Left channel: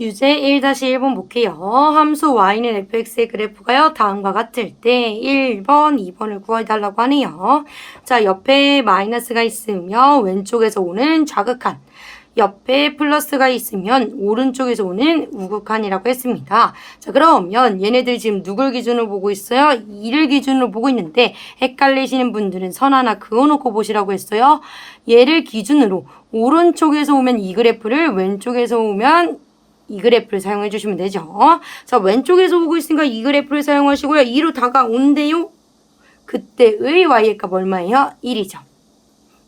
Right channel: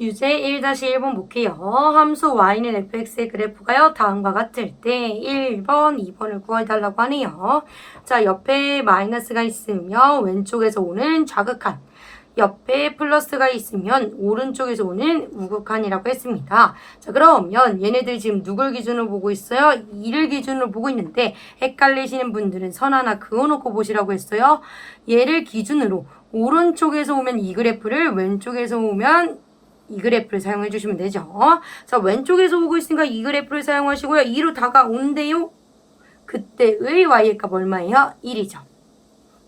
유제 1-1번 볼게요. 함수 y는 fx의 그래프가요. 다음과 같을 때 1번, 2번을 구해달라고 하네요. 자, 옆에 마이너스가 있으면 왼쪽에서 오는 좌극한, 옆에 플러스가 있으면 오른쪽에서 오는 우극한이라고 했습니다. 자, 그러면 얘네들 지금 누굴 기준으로 보고 있어요? 2를 기준으로 보고 있는데 헷갈리시는 분들은 선 하나 그어놓고 보시라고 했어요. 얘를 기준으로 오른쪽에서 오면 이 그래프를, 왼쪽에서 오면 이 그래프를 사용해 주시면 되죠. 자, 왼쪽에서 오고 있으니까 이 그래프를 사용하시고요. 2로 다가온대요. 그때의 y의 값 얼마예요? 1이죠.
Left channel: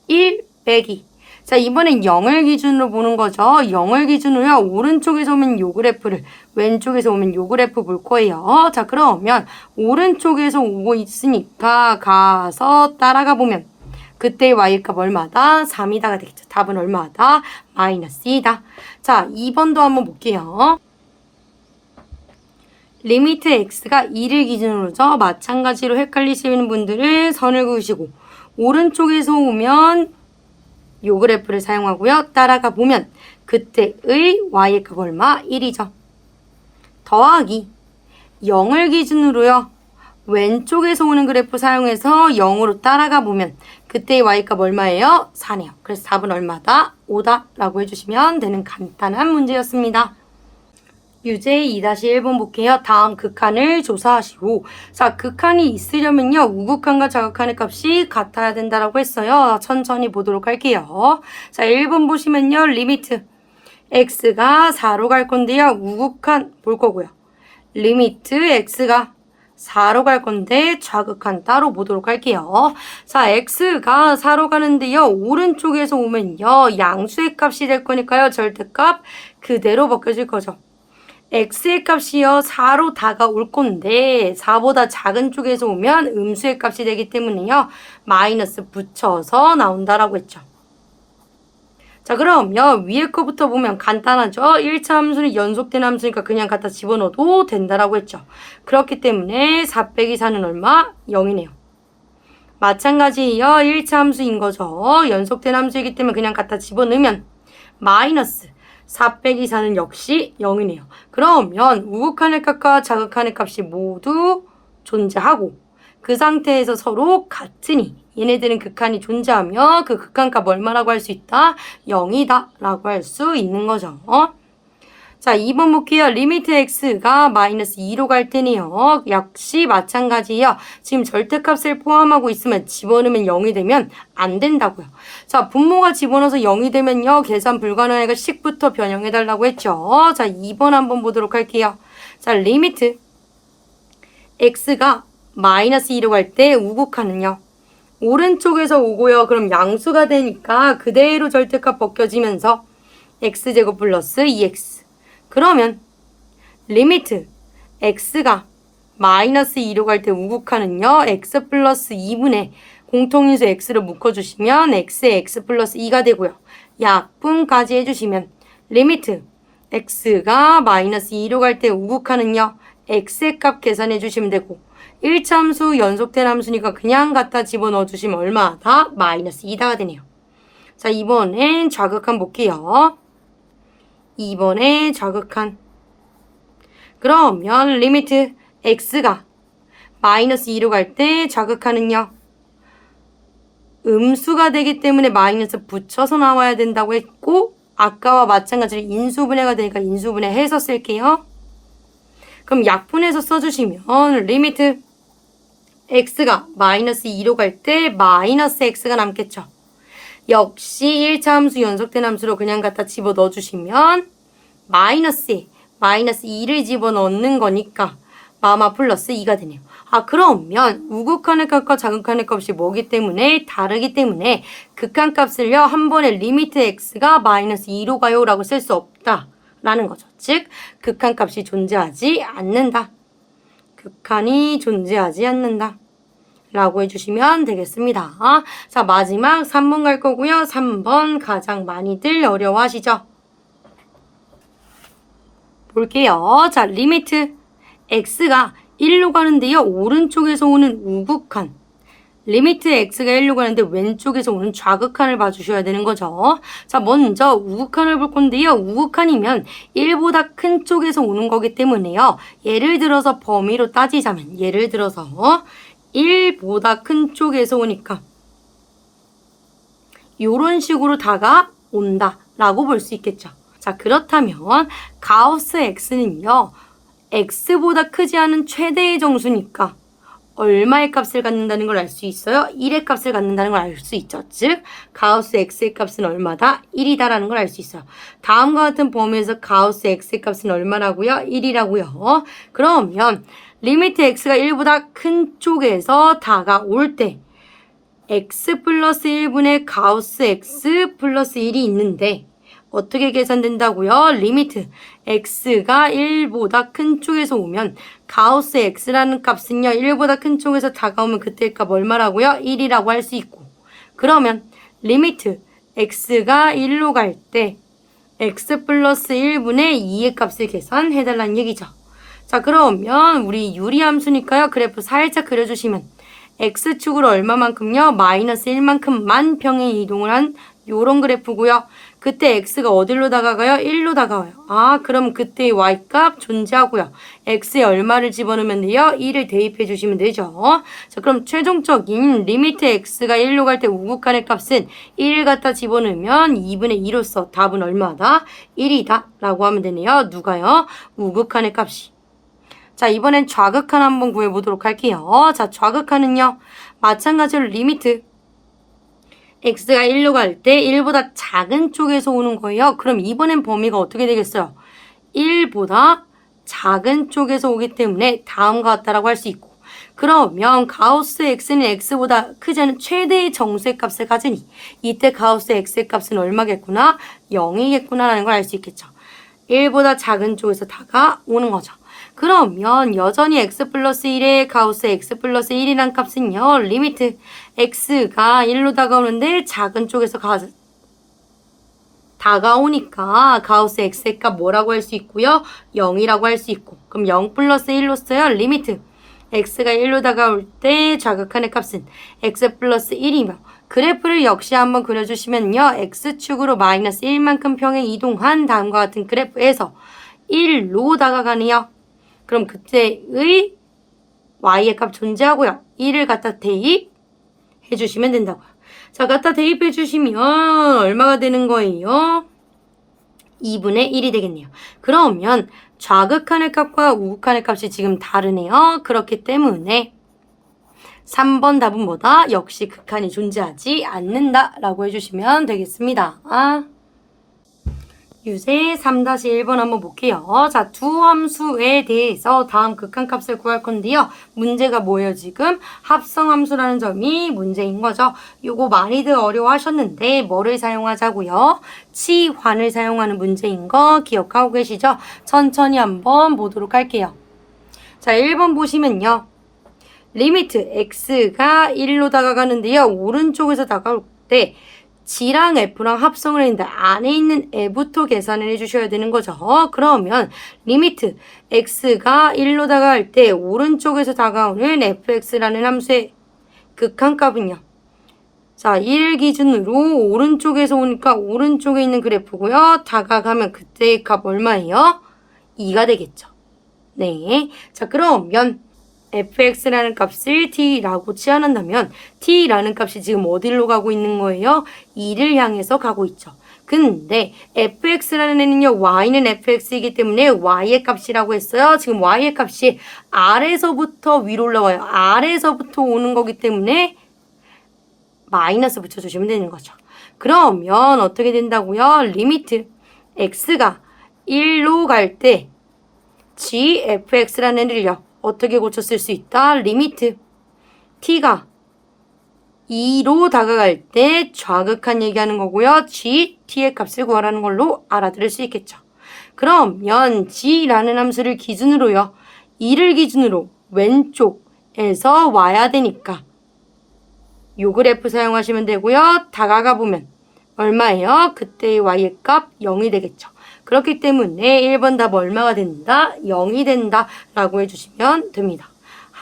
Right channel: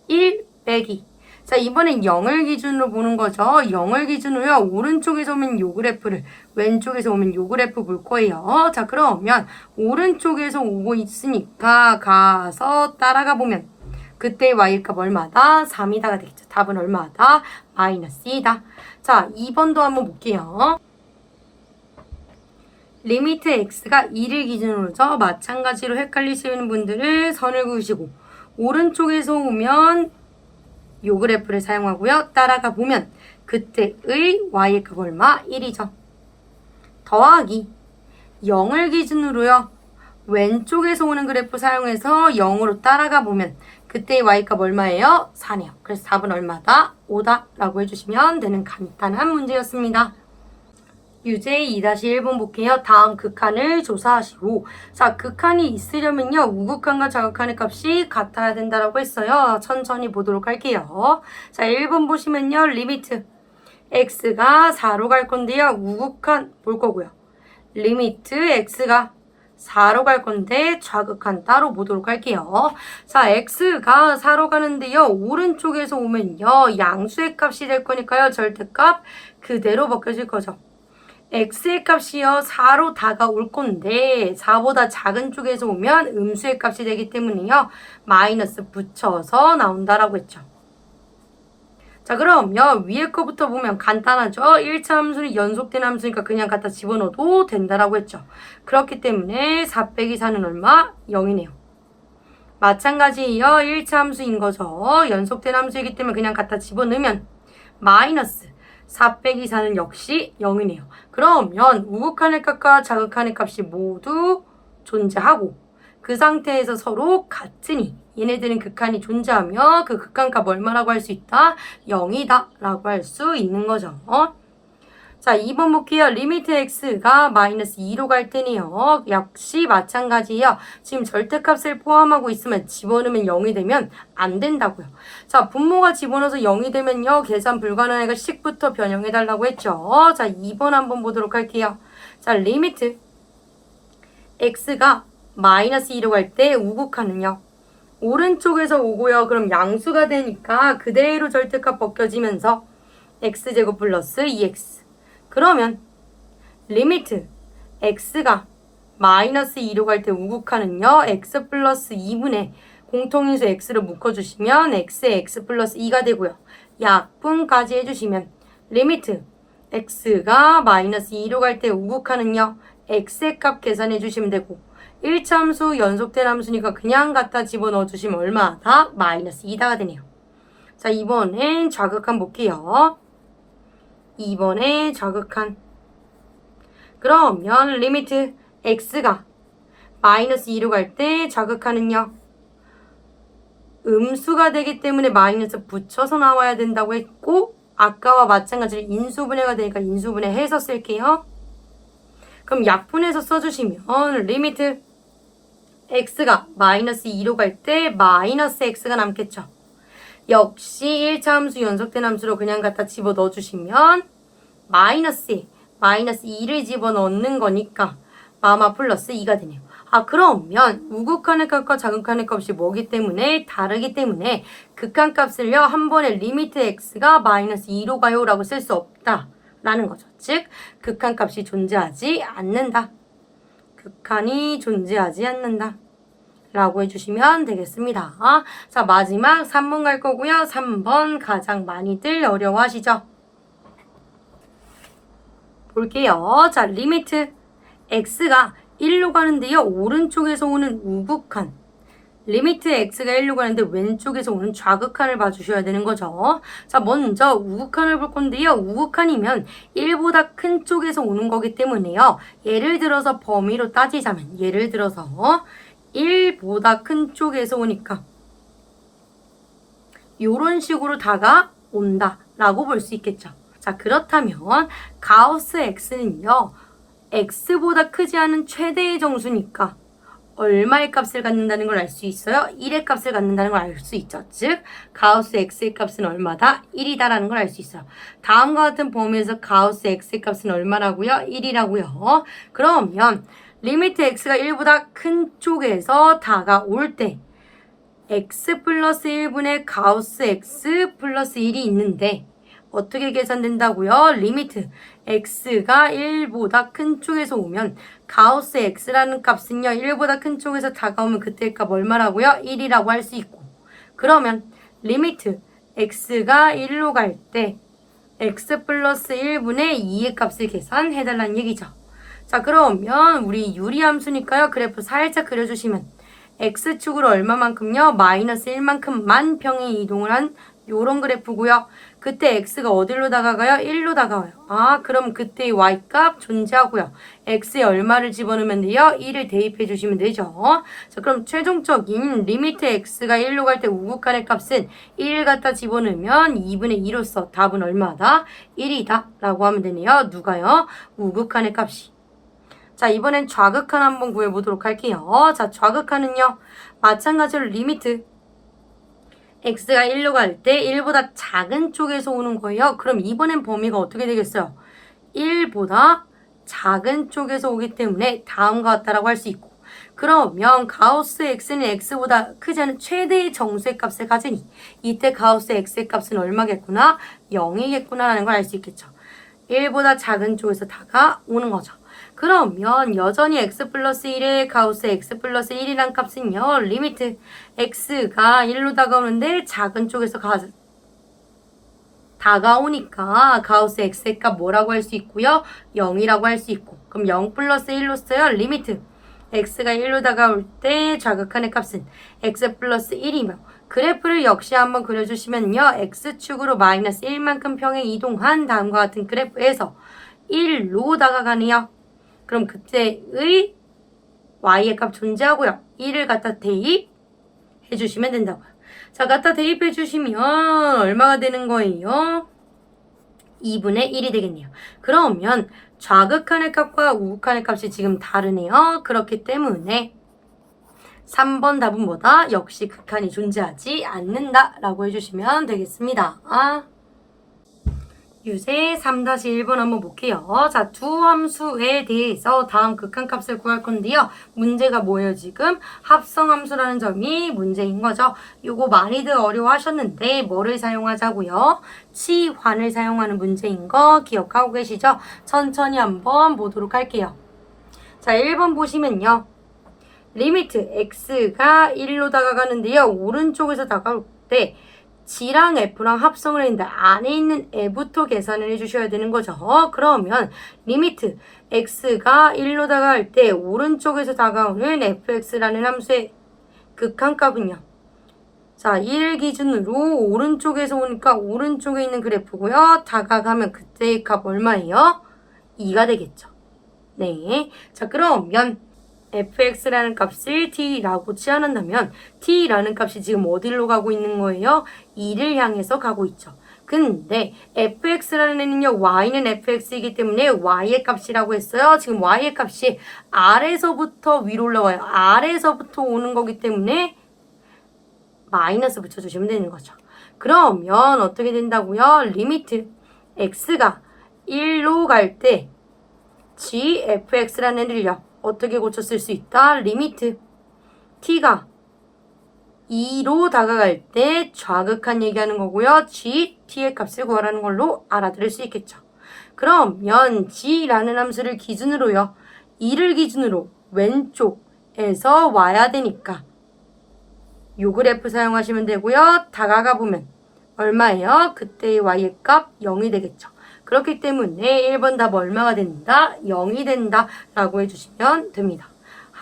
1 빼기. 자, 이번엔 0을 기준으로 보는 거죠. 0을 기준으로요. 오른쪽에서 오면 요 그래프를, 왼쪽에서 오면 요 그래프 볼 거예요. 자, 그러면 오른쪽에서 오고 있으니까 가서 따라가 보면 그때 y값 얼마다? 3이다가 되겠죠. 답은 얼마다? 마이너스 2다. 자, 2번도 한번 볼게요. 리미트 x가 2를 기준으로죠. 마찬가지로 헷갈리시는 분들은 선을 그으시고 오른쪽에서 오면 요 그래프를 사용하고요. 따라가 보면 그때의 y값 얼마? 1이죠. 더하기 0을 기준으로요. 왼쪽에서 오는 그래프 사용해서 0으로 따라가 보면 그때의 y값 얼마예요? 4네요. 그래서 답은 얼마다? 5다 라고 해주시면 되는 간단한 문제였습니다. 유제 2-1번 볼게요. 다음 극한을 조사하시고, 자, 극한이 있으려면요, 우극한과 좌극한의 값이 같아야 된다라고 했어요. 천천히 보도록 할게요. 자, 1번 보시면요, 리미트 x가 4로 갈 건데요, 우극한 볼 거고요. 리미트 x가 4로 갈 건데 좌극한 따로 보도록 할게요. 자, x가 4로 가는데요. 오른쪽에서 오면요. 양수의 값이 될 거니까요. 절대값 그대로 벗겨질 거죠. x의 값이요. 4로 다가올 건데 4보다 작은 쪽에서 오면 음수의 값이 되기 때문에요. 마이너스 붙여서 나온다라고 했죠. 자, 그럼요. 위에 거부터 보면 간단하죠. 1차 함수는 연속된 함수니까 그냥 갖다 집어넣어도 된다라고 했죠. 그렇기 때문에 4 빼기 4는 얼마? 0이네요. 마찬가지예요. 1차 함수인 거죠. 연속된 함수이기 때문에 그냥 갖다 집어넣으면 마이너스 4 빼기 4는 역시 0이네요. 그러면 우극한의 값과 좌극한의 값이 모두 존재하고 그 상태에서 서로 같으니 얘네들은 극한이 존재하며 그 극한값 얼마라고 할 수 있다? 0이다 라고 할 수 있는 거죠. 자, 2번 볼게요. 리미트 x가 마이너스 2로 갈 때는요. 역시 마찬가지예요. 지금 절대값을 포함하고 있으면 집어넣으면 0이 되면 안 된다고요. 자, 분모가 집어넣어서 0이 되면요. 계산 불가능하니까 식부터 변형해달라고 했죠. 자, 2번 한번 보도록 할게요. 자, 리미트 x가 마이너스 2로 갈 때 우극한은요. 오른쪽에서 오고요. 그럼 양수가 되니까 그대로 절대값 벗겨지면서 x제곱 플러스 2x. 그러면 리미트 x가 마이너스 2로 갈 때 우극한은요. x 플러스 2분의 공통인수 x를 묶어주시면 x의 x 플러스 2가 되고요. 약분까지 해주시면 리미트 x가 마이너스 2로 갈 때 우극한은요. x의 값 계산해 주시면 되고 1차 함수 연속된 함수니까 그냥 갖다 집어넣어 주시면 얼마다? 마이너스 2다가 되네요. 자, 이번엔 좌극한 볼게요. 2번에 좌극한. 그러면 리미트 x가 마이너스 2로 갈 때 좌극한은요. 음수가 되기 때문에 마이너스 붙여서 나와야 된다고 했고 아까와 마찬가지로 인수분해가 되니까 인수분해 해서 쓸게요. 그럼 약분해서 써주시면 리미트 x가 마이너스 2로 갈 때 마이너스 x가 남겠죠. 역시 1차 함수 연속된 함수로 그냥 갖다 집어넣어 주시면 마이너스 2를 집어넣는 거니까 마마 플러스 2가 되네요. 아, 그러면 우극한의 값과 좌극한의 값이 뭐기 때문에 다르기 때문에 극한값을요 한 번에 리미트 x가 마이너스 2로 가요 라고 쓸 수 없다 라는 거죠. 즉 극한값이 존재하지 않는다. 극한이 존재하지 않는다 라고 해주시면 되겠습니다. 자, 마지막 3번 갈 거고요. 3번 가장 많이들 어려워하시죠? 볼게요. 자, 리미트 x가 1로 가는데요. 오른쪽에서 오는 우극한 리미트 x가 1로 가는데 왼쪽에서 오는 좌극한을 봐주셔야 되는 거죠. 자, 먼저 우극한을 볼 건데요. 우극한이면 1보다 큰 쪽에서 오는 거기 때문에요. 예를 들어서 범위로 따지자면 예를 들어서 1보다 큰 쪽에서 오니까 이런 식으로 다가온다 라고 볼 수 있겠죠. 자, 그렇다면 가우스 x는요. x보다 크지 않은 최대의 정수니까 얼마의 값을 갖는다는 걸 알 수 있어요? 1의 값을 갖는다는 걸 알 수 있죠. 즉 가우스 x의 값은 얼마다? 1이다라는 걸 알 수 있어요. 다음과 같은 범위에서 가우스 x의 값은 얼마라고요? 1이라고요. 그러면 리미트 x가 1보다 큰 쪽에서 다가올 때 x 플러스 1분의 가우스 x 플러스 1이 있는데 어떻게 계산된다고요? 리미트 x가 1보다 큰 쪽에서 오면 가우스 x라는 값은요. 1보다 큰 쪽에서 다가오면 그때 값 얼마라고요? 1이라고 할 수 있고 그러면 리미트 x가 1로 갈 때 x 플러스 1분의 2의 값을 계산해달라는 얘기죠. 자, 그러면 우리 유리함수니까요. 그래프 살짝 그려주시면 x축으로 얼마만큼요? 마이너스 1만큼만 평행 이동을 한 요런 그래프고요. 그때 x가 어디로 다가가요? 1로 다가와요. 아, 그럼 그때 y값 존재하고요. x에 얼마를 집어넣으면 돼요? 1을 대입해 주시면 되죠. 자, 그럼 최종적인 리미트 x가 1로 갈 때 우극한의 값은 1을 갖다 집어넣으면 2분의 2로서 답은 얼마다? 1이다 라고 하면 되네요. 누가요? 우극한의 값이. 자, 이번엔 좌극한 한번 구해보도록 할게요. 자, 좌극한은요. 마찬가지로 리미트 x가 1로 갈 때 1보다 작은 쪽에서 오는 거예요. 그럼 이번엔 범위가 어떻게 되겠어요? 1보다 작은 쪽에서 오기 때문에 다음과 같다라고 할 수 있고 그러면 가우스 x는 x보다 크지 않은 최대의 정수의 값을 가지니 이때 가우스 x의 값은 얼마겠구나? 0이겠구나라는 걸 알 수 있겠죠. 1보다 작은 쪽에서 다가오는 거죠. 그러면 여전히 x 플러스 1의 가우스 x 플러스 1이란 값은요. 리미트 x가 1로 다가오는데 작은 쪽에서 다가오니까 가우스 x의 값 뭐라고 할 수 있고요. 0이라고 할 수 있고 그럼 0 플러스 1로 써요. 리미트 x가 1로 다가올 때 좌극한의 값은 x 플러스 1이며 그래프를 역시 한번 그려주시면요. x축으로 마이너스 1만큼 평행 이동한 다음과 같은 그래프에서 1로 다가가네요. 그럼 그때의 y의 값 존재하고요. 1을 갖다 대입해 주시면 된다고요. 자, 갖다 대입해 주시면 얼마가 되는 거예요? 2분의 1이 되겠네요. 그러면 좌극한의 값과 우극한의 값이 지금 다르네요. 그렇기 때문에 3번 답은 뭐다? 역시 극한이 존재하지 않는다 라고 해주시면 되겠습니다. 유세 3-1번 한번 볼게요. 자, 두 함수에 대해서 다음 극한값을 구할 건데요. 문제가 뭐예요, 지금? 합성함수라는 점이 문제인 거죠. 요거 많이들 어려워하셨는데 뭐를 사용하자고요? 치환을 사용하는 문제인 거 기억하고 계시죠? 천천히 한번 보도록 할게요. 자, 1번 보시면요. 리미트 x가 1로 다가가는데요. 오른쪽에서 다가올 때 G랑 F랑 합성을 했는데 안에 있는 애부터 계산을 해주셔야 되는 거죠. 그러면 리미트 x가 1로 다가갈 때 오른쪽에서 다가오는 fx라는 함수의 극한값은요. 자, 1 기준으로 오른쪽에서 오니까 오른쪽에 있는 그래프고요. 다가가면 그때의 값 얼마예요? 2가 되겠죠. 네. 자, 그러면 fx라는 값을 t라고 치환한다면 t라는 값이 지금 어디로 가고 있는 거예요? 2를 향해서 가고 있죠. 근데 fx라는 애는요. y는 fx이기 때문에 y의 값이라고 했어요. 지금 y의 값이 아래서부터 위로 올라와요. 아래서부터 오는 거기 때문에 마이너스 붙여주시면 되는 거죠. 그러면 어떻게 된다고요? 리미트 x가 1로 갈 때 gfx라는 애를요. 어떻게 고쳤을 수 있다? 리미트 t가 2로 다가갈 때 좌극한 얘기하는 거고요. g, t의 값을 구하라는 걸로 알아들을 수 있겠죠. 그러면 g라는 함수를 기준으로요. 2를 기준으로 왼쪽에서 와야 되니까 요 그래프 사용하시면 되고요. 다가가 보면 얼마예요? 그때의 y의 값 0이 되겠죠. 그렇기 때문에 1번 답 얼마가 된다? 0이 된다 라고 해주시면 됩니다.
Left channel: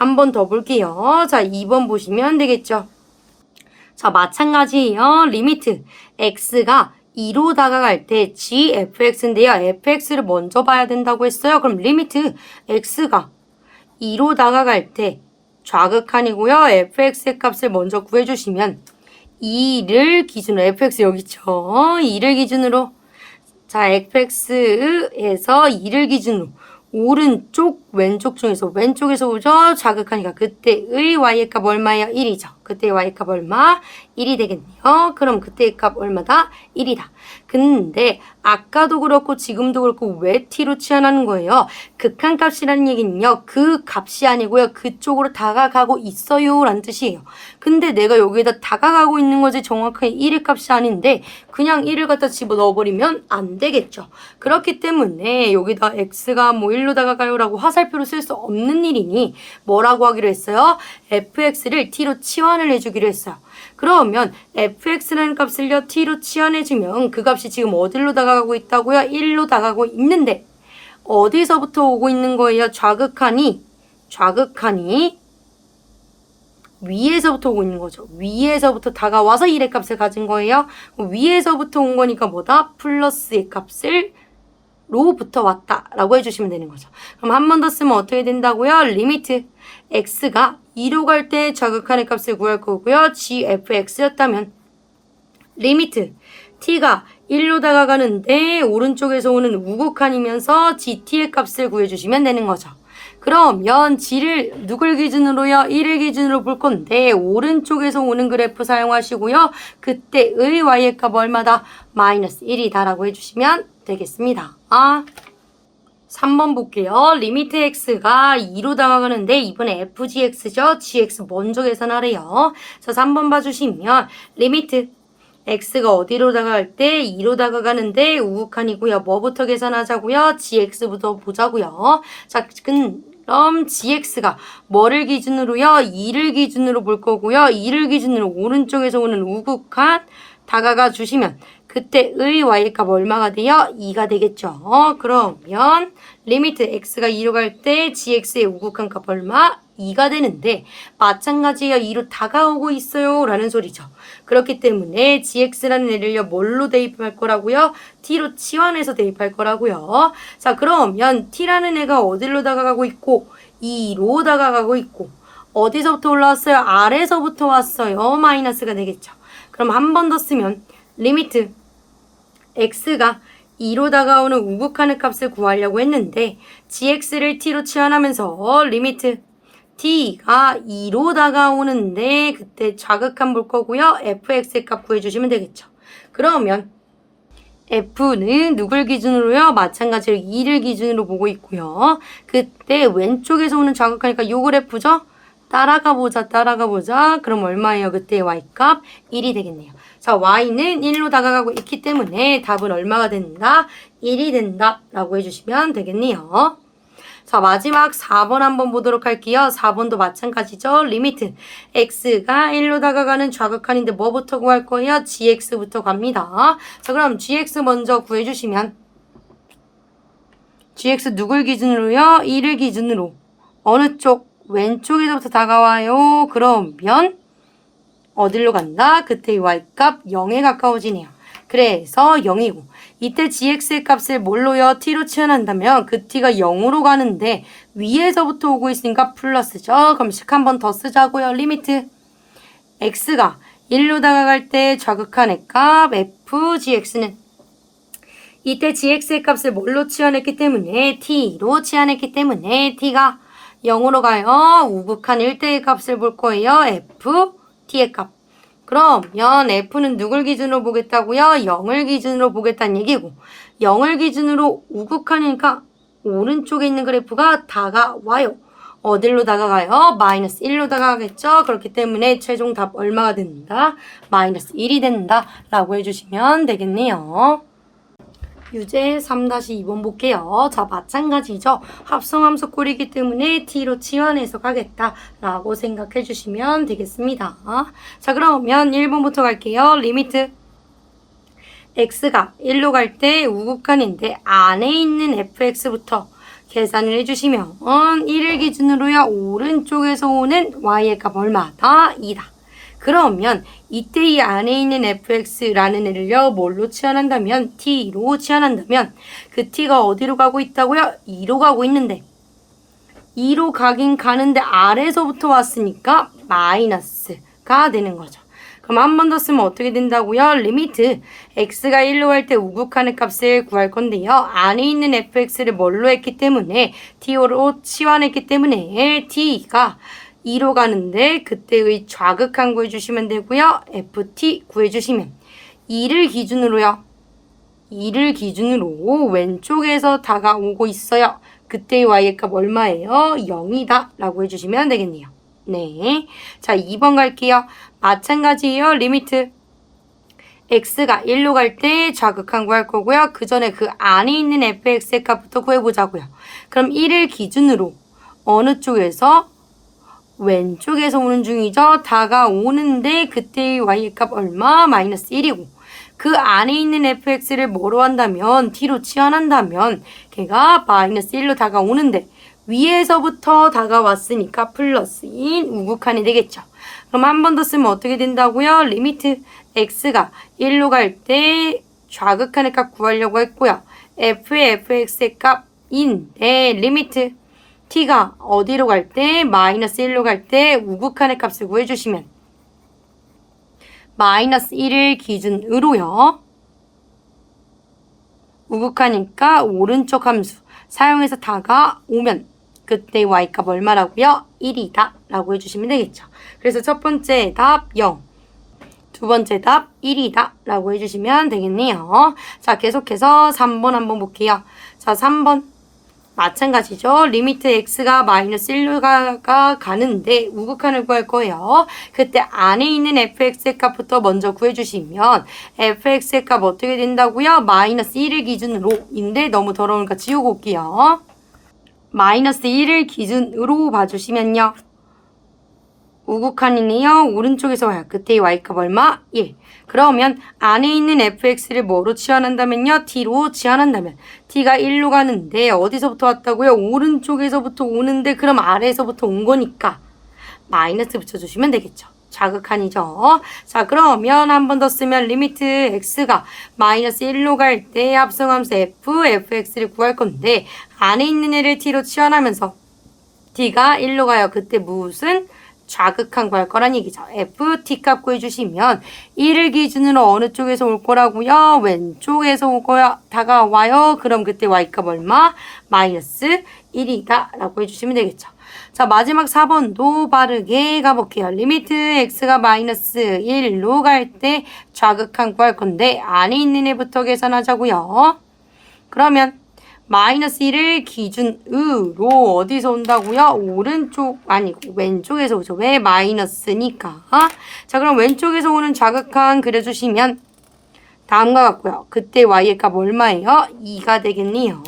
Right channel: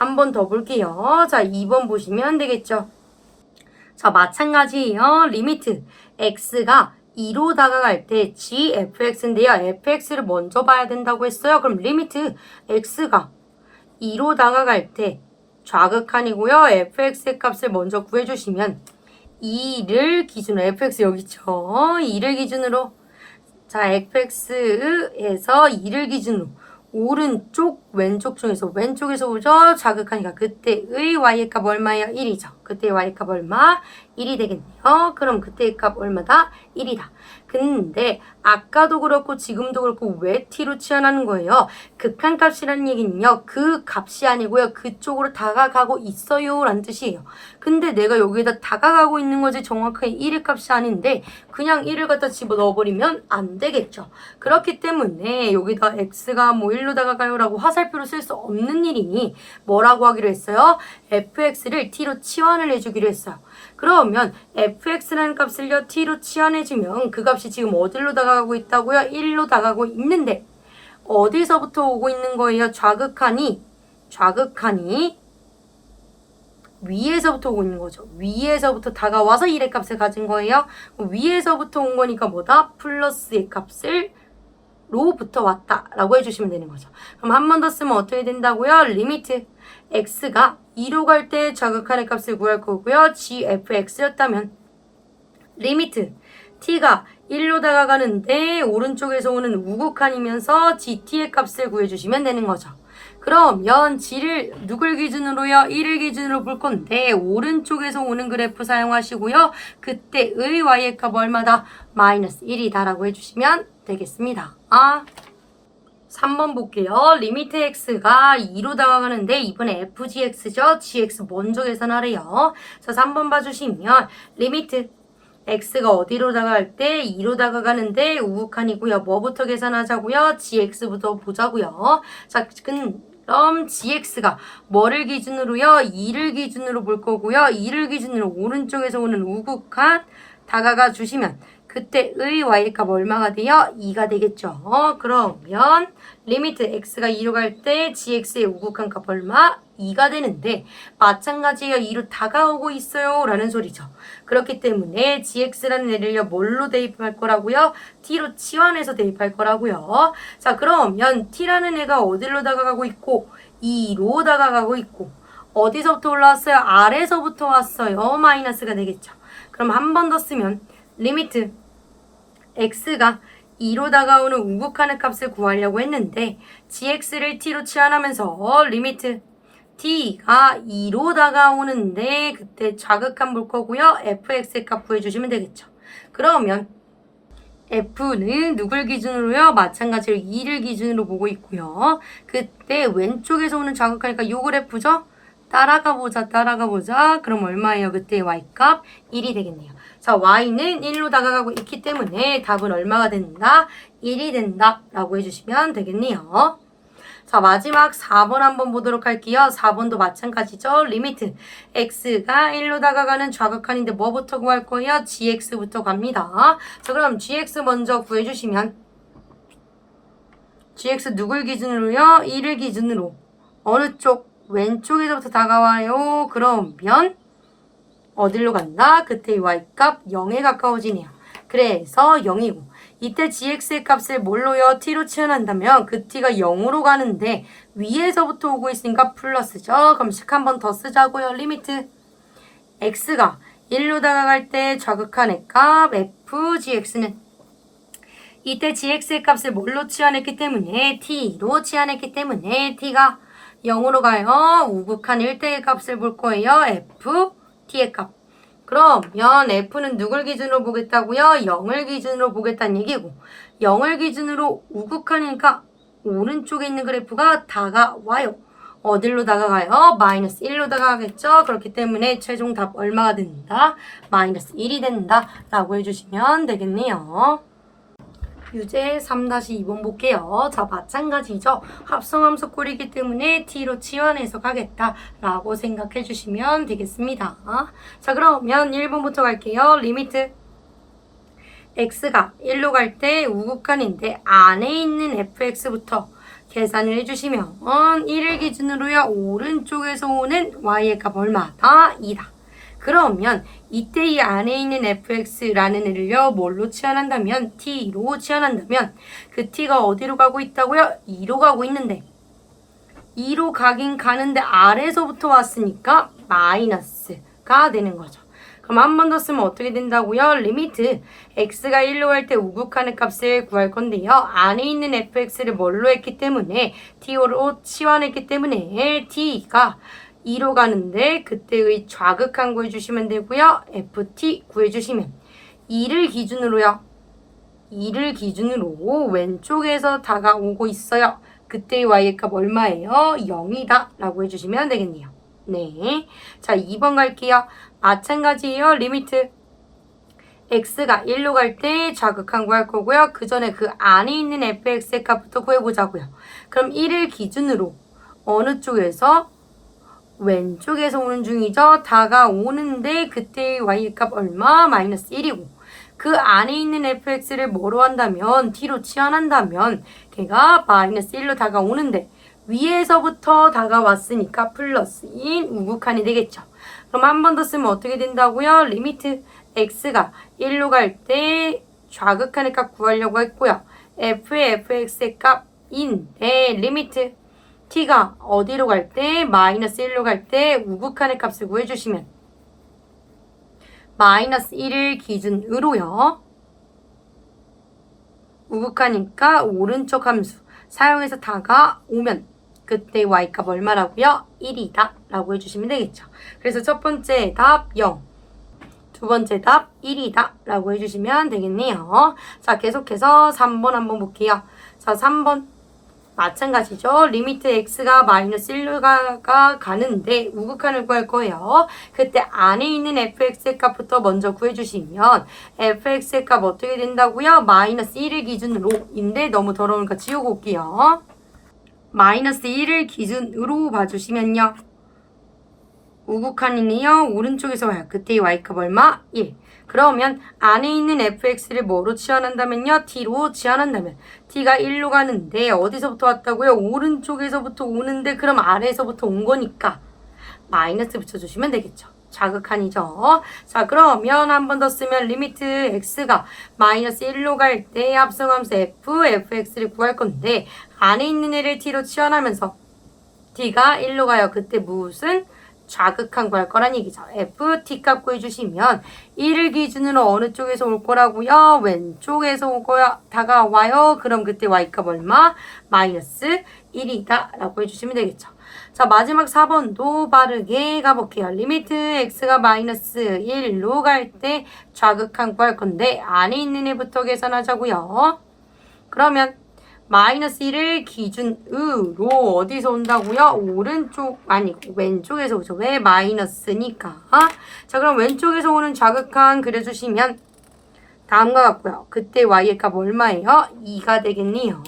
한 번 더 볼게요. 자, 2번 보시면 되겠죠. 자, 마찬가지예요. 리미트 x가 2로 다가갈 때 gfx인데요. fx를 먼저 봐야 된다고 했어요. 그럼 리미트 x가 2로 다가갈 때 좌극한이고요. fx의 값을 먼저 구해주시면 2를 기준으로 fx 여기 있죠. 2를 기준으로 자 fx에서 2를 기준으로 오른쪽 왼쪽 중에서 왼쪽에서 오죠. 자극하니까 그때의 y의 값 얼마예요? 1이죠. 그때의 y의 값 얼마? 1이 되겠네요. 그럼 그때의 값 얼마다? 1이다. 근데 아까도 그렇고 지금도 그렇고 왜 t로 치환하는 거예요? 극한값이라는 얘기는요. 그 값이 아니고요. 그쪽으로 다가가고 있어요 라는 뜻이에요. 근데 내가 여기에다 다가가고 있는 거지 정확하게 1의 값이 아닌데 그냥 1을 갖다 집어넣어버리면 안 되겠죠. 그렇기 때문에 여기다 x가 뭐 1로 다가가요 라고 화살표로 쓸 수 없는 일이니 뭐라고 하기로 했어요? fx를 t로 치환을 해주기로 했어요. 그러면 fx라는 값을요 t로 치환해주면 그 값이 지금 어디로 다가가고 있다고요? 1로 다가가고 있는데 어디서부터 오고 있는 거예요? 좌극한이 위에서부터 오고 있는 거죠. 위에서부터 다가와서 1의 값을 가진 거예요. 위에서부터 온 거니까 뭐다? 플러스의 값을 로부터 왔다 라고 해주시면 되는 거죠. 그럼 한 번 더 쓰면 어떻게 된다고요? 리미트 x가 2로 갈 때 좌극한의 값을 구할 거고요. gfx였다면 리미트 t가 1로 다가가는데 오른쪽에서 오는 우극한이면서 gt의 값을 구해주시면 되는 거죠. 그러면 g를 누굴 기준으로요? 1을 기준으로 볼 건데 오른쪽에서 오는 그래프 사용하시고요. 그때의 y의 값 얼마다? 마이너스 1이다 라고 해주시면 되겠습니다. 3번 볼게요. 리미트 x가 2로 다가가는데 이번에 fgx죠. gx 먼저 계산하래요. 자, 3번 봐주시면 리미트 x가 어디로 다가갈 때 2로 다가가는데 우극한이고요. 뭐부터 계산하자고요? gx부터 보자고요. 자, 그럼 gx가 뭐를 기준으로요? 2를 기준으로 볼 거고요. 2를 기준으로 오른쪽에서 오는 우극한 다가가 주시면 그때의 y의 값 얼마가 돼요? 2가 되겠죠. 그러면 리미트 x가 2로 갈 때 gx의 우극한 값 얼마? 2가 되는데 마찬가지예요. 2로 다가오고 있어요 라는 소리죠. 그렇기 때문에 gx라는 애를요 뭘로 대입할 거라고요? t로 치환해서 대입할 거라고요. 자, 그러면 t라는 애가 어디로 다가가고 있고 2로 다가가고 있고 어디서부터 올라왔어요? 아래서부터 왔어요. 마이너스가 되겠죠. 그럼 한 번 더 쓰면 리미트 x가 2로 다가오는 우극한의 값을 구하려고 했는데 gx를 t로 치환하면서 리미트 t가 2로 다가오는데 그때 좌극한 볼 거고요. fx의 값 구해주시면 되겠죠. 그러면 f는 누굴 기준으로요? 마찬가지로 2를 기준으로 보고 있고요. 그때 왼쪽에서 오는 좌극하니까 요 그래프죠? 따라가 보자. 그럼 얼마예요? 그때 y값 1이 되겠네요. 자, y는 1로 다가가고 있기 때문에 답은 얼마가 된다? 1이 된다 라고 해주시면 되겠네요. 자, 마지막 4번 한번 보도록 할게요. 4번도 마찬가지죠. 리미트 x가 1로 다가가는 좌극한인데 뭐부터 구할 거예요? gx부터 갑니다. 자, 그럼 gx 먼저 구해주시면 gx 누굴 기준으로요? 1을 기준으로 어느 쪽? 왼쪽에서부터 다가와요. 그러면 어디로 간다? 그때 y값 0에 가까워지네요. 그래서 0이고 이때 gx의 값을 뭘로요? t로 치환한다면 그 t가 0으로 가는데 위에서부터 오고 있으니까 플러스죠. 그럼 식 한 번 더 쓰자고요. 리미트 x가 1로 다가갈 때 좌극한의 값 fgx는 이때 gx의 값을 뭘로 치환했기 때문에 t로 치환했기 때문에 t가 0으로 가요. 우극한 1대의 값을 볼 거예요. f, t의 값. 그러면 f는 누굴 기준으로 보겠다고요? 0을 기준으로 보겠다는 얘기고 0을 기준으로 우극한이니까 오른쪽에 있는 그래프가 다가와요. 어디로 다가가요? 마이너스 1로 다가가겠죠? 그렇기 때문에 최종 답 얼마가 된다? 마이너스 1이 된다 라고 해주시면 되겠네요. 유제 3-2번 볼게요. 자, 마찬가지죠. 합성함수 꼴이기 때문에 t로 치환해서 가겠다라고 생각해 주시면 되겠습니다. 자, 그러면 1번부터 갈게요. 리미트 x가 1로 갈 때 우극한인데 안에 있는 fx부터 계산을 해주시면 1을 기준으로요. 오른쪽에서 오는 y의 값 얼마다? 2다. 그러면 이때 이 안에 있는 fx라는 애를요. 뭘로 치환한다면? t로 치환한다면 그 t가 어디로 가고 있다고요? 2로 가고 있는데 2로 가긴 가는데 아래에서부터 왔으니까 마이너스가 되는 거죠. 그럼 한 번 더 쓰면 어떻게 된다고요? 리미트 x가 1로 갈 때 우극하는 값을 구할 건데요. 안에 있는 fx를 뭘로 했기 때문에 t로 치환했기 때문에 t가 2로 가는데 그때의 좌극한 구해주시면 되고요. ft 구해주시면 2를 기준으로요. 2를 기준으로 왼쪽에서 다가오고 있어요. 그때의 y의 값 얼마예요? 0이다 라고 해주시면 되겠네요. 네, 자 2번 갈게요. 마찬가지예요. 리미트 x가 1로 갈 때 좌극한 구할 거고요. 그 전에 그 안에 있는 fx의 값부터 구해보자고요. 그럼 1을 기준으로 어느 쪽에서? 왼쪽에서 오는 중이죠. 다가오는데 그때의 y의 값 얼마? 마이너스 1이고 그 안에 있는 fx를 뭐로 한다면? t로 치환한다면 걔가 마이너스 1로 다가오는데 위에서부터 다가왔으니까 플러스인 우극한이 되겠죠. 그럼 한 번 더 쓰면 어떻게 된다고요? 리미트 x가 1로 갈 때 좌극한의 값 구하려고 했고요. f의 fx의 값인데 리미트 t가 어디로 갈 때? 마이너스 1로 갈 때 우극한의 값을 구해주시면 마이너스 1을 기준으로요. 우극하니까 오른쪽 함수 사용해서 다가오면 그때 y값 얼마라고요? 1이다 라고 해주시면 되겠죠. 그래서 첫 번째 답 0, 두 번째 답 1이다 라고 해주시면 되겠네요. 자, 계속해서 3번 한번 볼게요. 자, 3번 마찬가지죠. 리미트 x가 마이너스 1로 가는데 우극한을 구할 거예요. 그때 안에 있는 fx의 값부터 먼저 구해주시면 fx의 값 어떻게 된다고요? 마이너스 1을 기준으로인데 너무 더러우니까 지우고 올게요. 마이너스 1을 기준으로 봐주시면요. 우극한이네요. 오른쪽에서 와요. 그때의 y값 얼마? 1. 그러면 안에 있는 fx를 뭐로 치환한다면요? t로 치환한다면 t가 1로 가는데 어디서부터 왔다고요? 오른쪽에서부터 오는데 그럼 아래에서부터 온 거니까 마이너스 붙여주시면 되겠죠. 자극한이죠. 자, 그러면 한 번 더 쓰면 리미트 x가 마이너스 1로 갈 때 합성함수 fx를 구할 건데 안에 있는 애를 t로 치환하면서 t가 1로 가요. 그때 무슨? 좌극한 구할 거란 얘기죠. f, t 값 구해주시면 1을 기준으로 어느 쪽에서 올 거라고요? 왼쪽에서 올 거야. 다가와요. 그럼 그때 y값 얼마? 마이너스 1이다 라고 해주시면 되겠죠. 자, 마지막 4번도 빠르게 가볼게요. 리미트 x가 마이너스 1로 갈 때 좌극한 구할 건데 안에 있는 애부터 계산하자고요. 그러면 마이너스 1을 기준으로 어디서 온다고요? 오른쪽 아니 왼쪽에서 오죠. 왜? 마이너스니까. 자, 그럼 왼쪽에서 오는 좌극한 그려주시면 다음과 같고요. 그때 y의 값 얼마예요? 2가 되겠네요.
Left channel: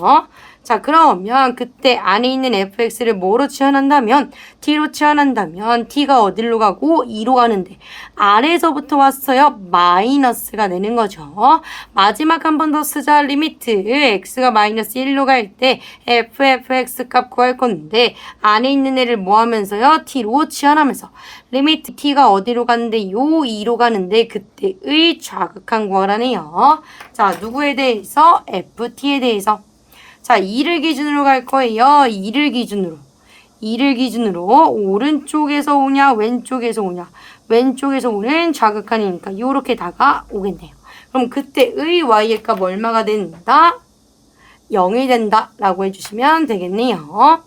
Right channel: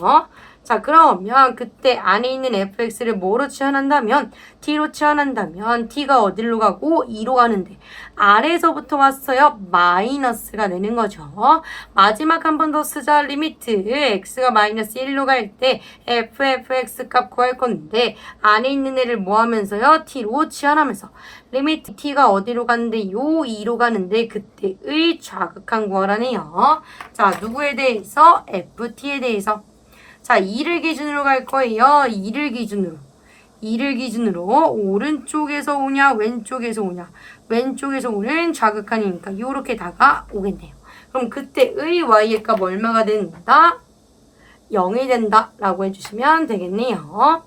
자, 그러면 그때 안에 있는 fx를 뭐로 치환한다면? t로 치환한다면 t가 어디로 가고? 2로 가는데 아래에서부터 왔어요. 마이너스가 되는 거죠. 마지막 한 번 더 쓰자. 리미트 x가 마이너스 1로 갈 때 fx 값 구할 건데 안에 있는 애를 뭐 하면서요? t로 치환하면서 리미트 t가 어디로 가는데 요 2로 가는데 그때의 좌극한 구하라네요. 자, 누구에 대해서? ft에 대해서. 자, 2를 기준으로 갈 거예요. 2를 기준으로 오른쪽에서 오냐 왼쪽에서 오냐. 왼쪽에서 오는 좌극한이니까 요렇게 다가오겠네요. 그럼 그때의 y의 값 얼마가 된다? 0이 된다 라고 해주시면 되겠네요.